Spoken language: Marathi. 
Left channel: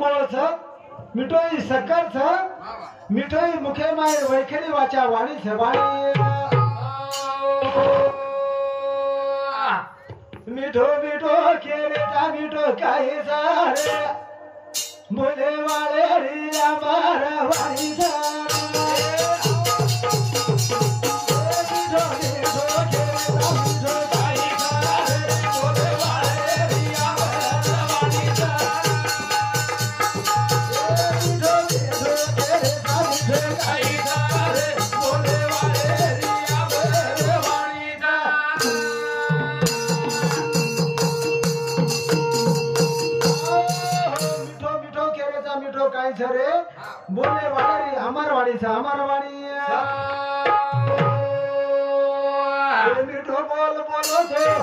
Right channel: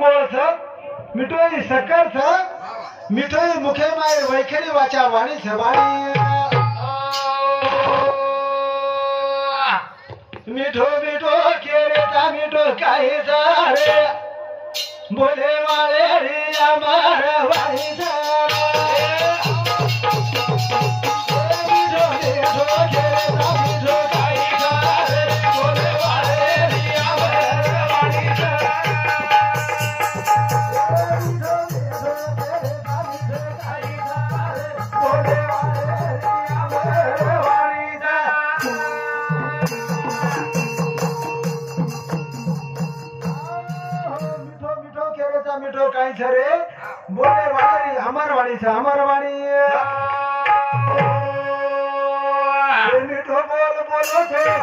गोळ छ मिठो ही शक्कर छ मिठो ही मुखे मायर वैखरी वाचा वाणी छ वाणी मिठो मिठो केरे ता मिठो काहे सारे बोले वाले रे हमारा वाणी छ रे बोले वाली हमार वाणी से हमार वाणी मिठो बोल बोलो से